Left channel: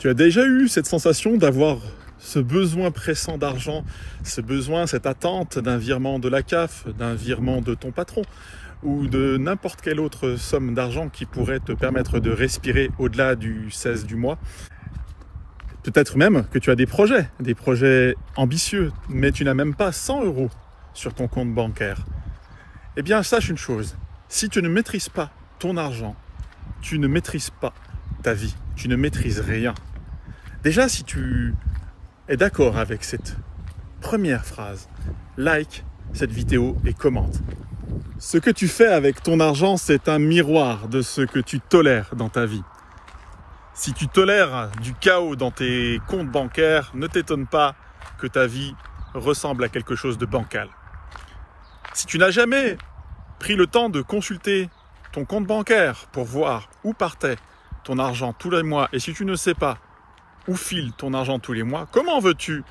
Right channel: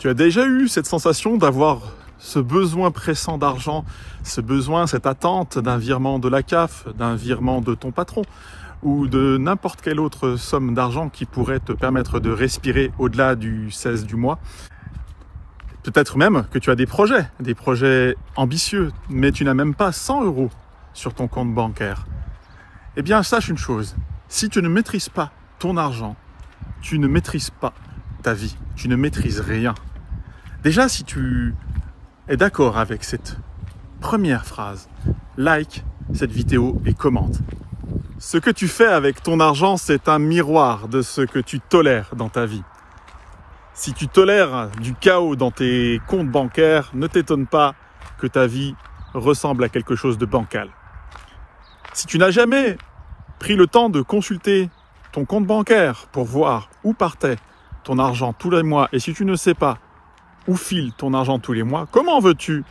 Tu as déjà eu cette sensation d'avoir ce besoin pressant d'argent, ce besoin, cette attente d'un virement de la CAF, d'un virement de ton patron ou de n'importe quelle autre somme d'argent qui pourrait te permettre de respirer au-delà du 16 du mois. Peut-être même que tu as des projets ambitieux, mais tu n'as même pas 100 € sur ton compte bancaire. Eh bien, sache une chose, si tu ne maîtrises pas ton argent, tu ne maîtrises pas ta vie, tu ne maîtrises rien. Déjà, si tu es d'accord avec cette première phrase, like cette vidéo et commente. Ce que tu fais avec ton argent, c'est un miroir de ce que tu tolères dans ta vie. Si tu tolères du chaos dans tes comptes bancaires, ne t'étonne pas que ta vie ressemble à quelque chose de bancal. Si tu n'as jamais pris le temps de consulter ton compte bancaire pour voir où partait ton argent tous les mois, et si tu ne sais pas où file ton argent tous les mois, comment veux-tu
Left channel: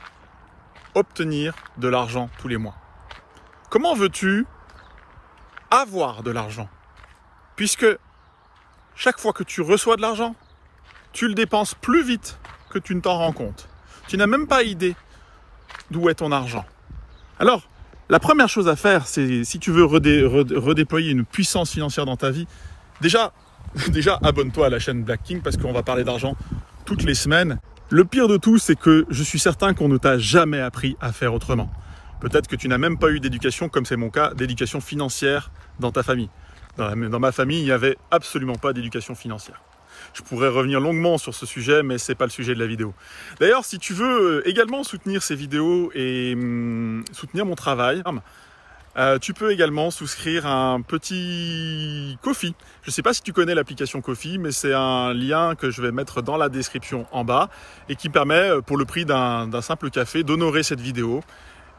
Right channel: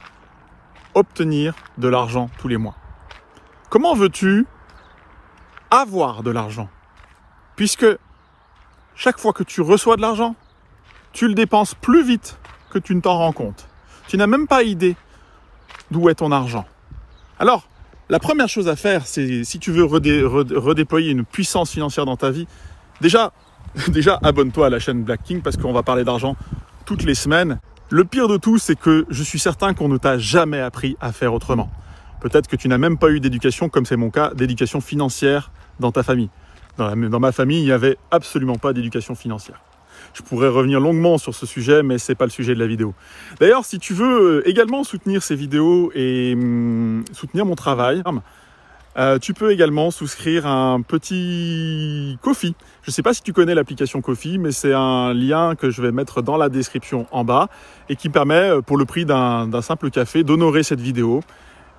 obtenir de l'argent tous les mois? Comment veux-tu avoir de l'argent? Puisque chaque fois que tu reçois de l'argent, tu le dépenses plus vite que tu ne t'en rends compte. Tu n'as même pas idée d'où est ton argent. Alors, la première chose à faire, c'est si tu veux redéployer une puissance financière dans ta vie, déjà abonne-toi à la chaîne Black King parce qu'on va parler d'argent toutes les semaines. Le pire de tout, c'est que je suis certain qu'on ne t'a jamais appris à faire autrement. Peut-être que tu n'as même pas eu d'éducation, comme c'est mon cas, d'éducation financière dans ta famille. Dans ma famille, il n'y avait absolument pas d'éducation financière. Je pourrais revenir longuement sur ce sujet, mais ce n'est pas le sujet de la vidéo. D'ailleurs, si tu veux également soutenir ces vidéos et soutenir mon travail, tu peux également souscrire un petit Ko-fi. Je ne sais pas si tu connais l'application Ko-fi, mais c'est un lien que je vais mettre dans la description en bas et qui permet, pour le prix d'un simple café, d'honorer cette vidéo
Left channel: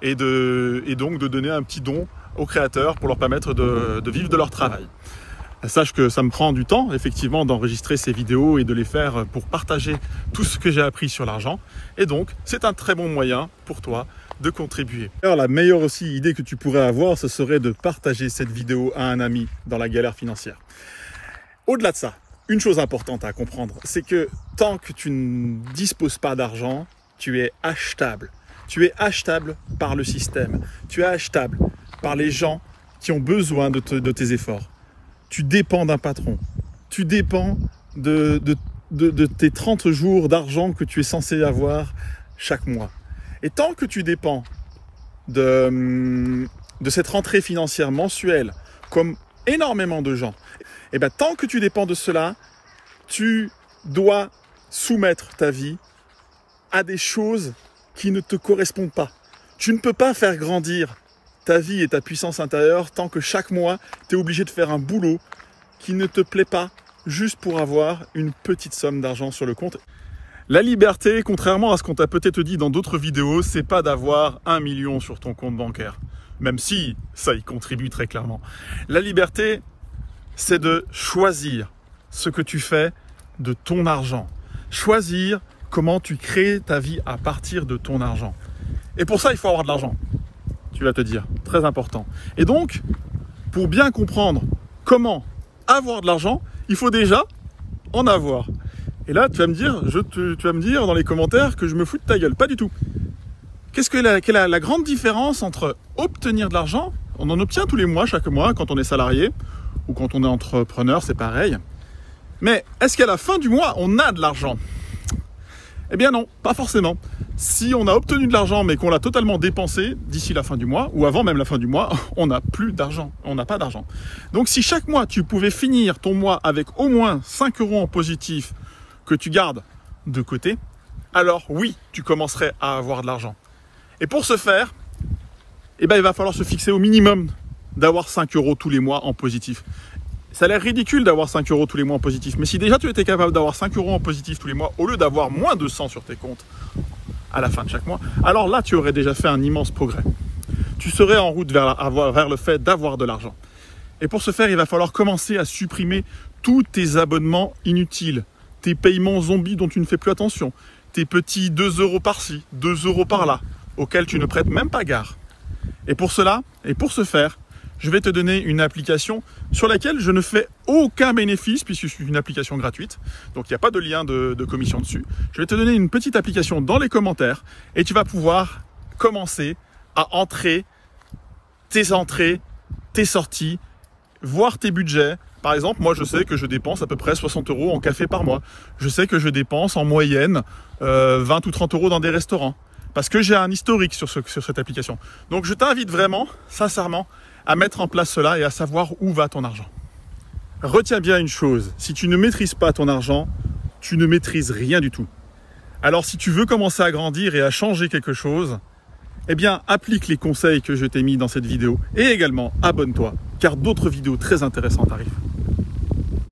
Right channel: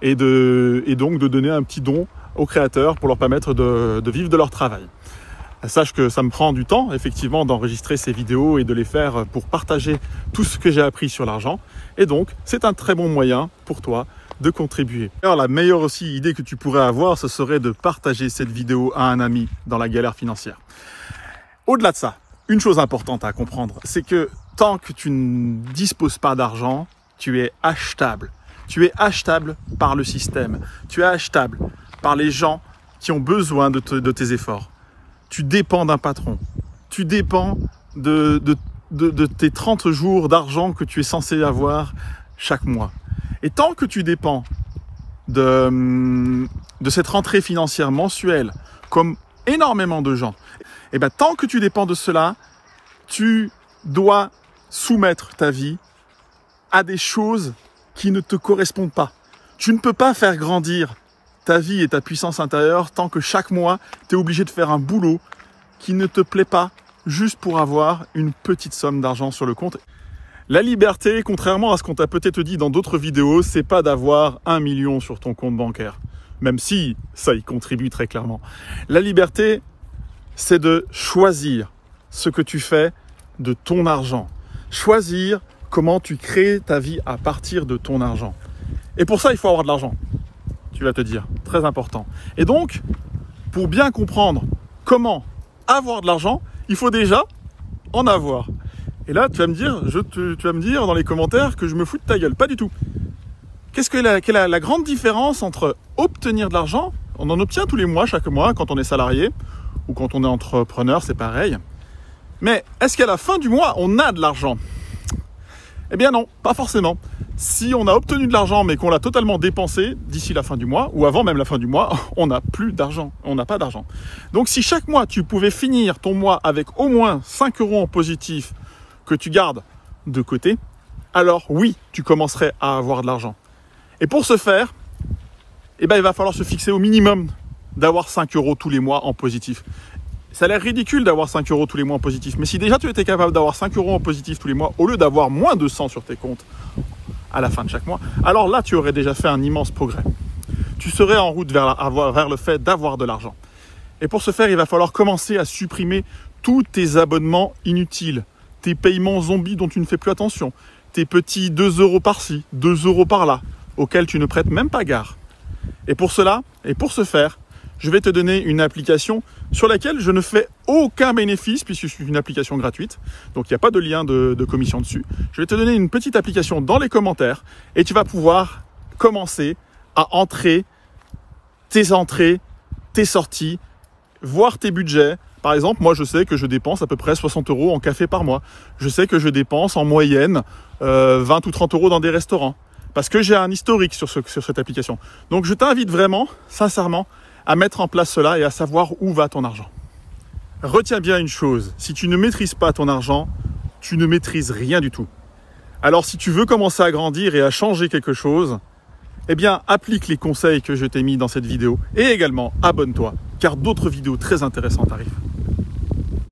et donc de donner un petit don aux créateurs pour leur permettre de vivre de leur travail. Sache que ça me prend du temps, effectivement, d'enregistrer ces vidéos et de les faire pour partager tout ce que j'ai appris sur l'argent. Et donc, c'est un très bon moyen pour toi de contribuer. Alors, la meilleure aussi idée que tu pourrais avoir, ce serait de partager cette vidéo à un ami dans la galère financière. Au-delà de ça, une chose importante à comprendre, c'est que tant que tu ne disposes pas d'argent, tu es achetable. Tu es achetable par le système. Tu es achetable par les gens qui ont besoin de tes efforts. Tu dépends d'un patron. Tu dépends de tes 30 jours d'argent que tu es censé avoir chaque mois. Et tant que tu dépends de cette rentrée financière mensuelle, comme énormément de gens, et bien tant que tu dépends de cela, tu dois soumettre ta vie à des choses qui ne te correspondent pas. Tu ne peux pas faire grandir ta vie et ta puissance intérieure tant que chaque mois, tu es obligé de faire un boulot qui ne te plaît pas juste pour avoir une petite somme d'argent sur le compte. La liberté, contrairement à ce qu'on t'a peut-être dit dans d'autres vidéos, c'est pas d'avoir 1 million sur ton compte bancaire, même si ça y contribue très clairement. La liberté, c'est de choisir ce que tu fais de ton argent. Choisir comment tu crées ta vie à partir de ton argent. Et pour ça, il faut avoir de l'argent. Tu vas te dire, très important. Et donc, pour bien comprendre comment avoir de l'argent, il faut déjà en avoir. Et là, tu vas me dire dans les commentaires que je me fous de ta gueule. Pas du tout. Quelle est la grande différence entre obtenir de l'argent? On en obtient tous les mois, chaque mois, quand on est salarié ou quand on est entrepreneur, c'est pareil. Mais est-ce qu'à la fin du mois, on a de l'argent? Eh bien non, pas forcément. Si on a obtenu de l'argent mais qu'on l'a totalement dépensé d'ici la fin du mois ou avant même la fin du mois, on n'a plus d'argent, on n'a pas d'argent. Donc si chaque mois tu pouvais finir ton mois avec au moins 5 € en positif que tu gardes de côté, alors oui, tu commencerais à avoir de l'argent. Et pour ce faire, eh ben, il va falloir se fixer au minimum d'avoir 5 € tous les mois en positif. Ça a l'air ridicule d'avoir 5 € tous les mois en positif, mais si déjà tu étais capable d'avoir 5 € en positif tous les mois, au lieu d'avoir moins de 100 sur tes comptes à la fin de chaque mois, alors là tu aurais déjà fait un immense progrès. Tu serais en route vers le fait d'avoir de l'argent. Et pour ce faire, il va falloir commencer à supprimer tous tes abonnements inutiles, tes paiements zombies dont tu ne fais plus attention, tes petits 2 € par-ci, 2 € par-là, auxquels tu ne prêtes même pas garde. Et pour cela, et pour ce faire, je vais te donner une application sur laquelle je ne fais aucun bénéfice puisque c'est une application gratuite. Donc il n'y a pas de lien de commission dessus. Je vais te donner une petite application dans les commentaires et tu vas pouvoir commencer à entrer, tes sorties, voir tes budgets. Par exemple, moi je sais que je dépense à peu près 60 € en café par mois. Je sais que je dépense en moyenne 20 ou 30 € dans des restaurants. Parce que j'ai un historique sur cette application. Donc je t'invite vraiment, sincèrement, à mettre en place cela et à savoir où va ton argent. Retiens bien une chose, si tu ne maîtrises pas ton argent, tu ne maîtrises rien du tout. Alors si tu veux commencer à grandir et à changer quelque chose, eh bien applique les conseils que je t'ai mis dans cette vidéo et également abonne-toi, car d'autres vidéos très intéressantes arrivent.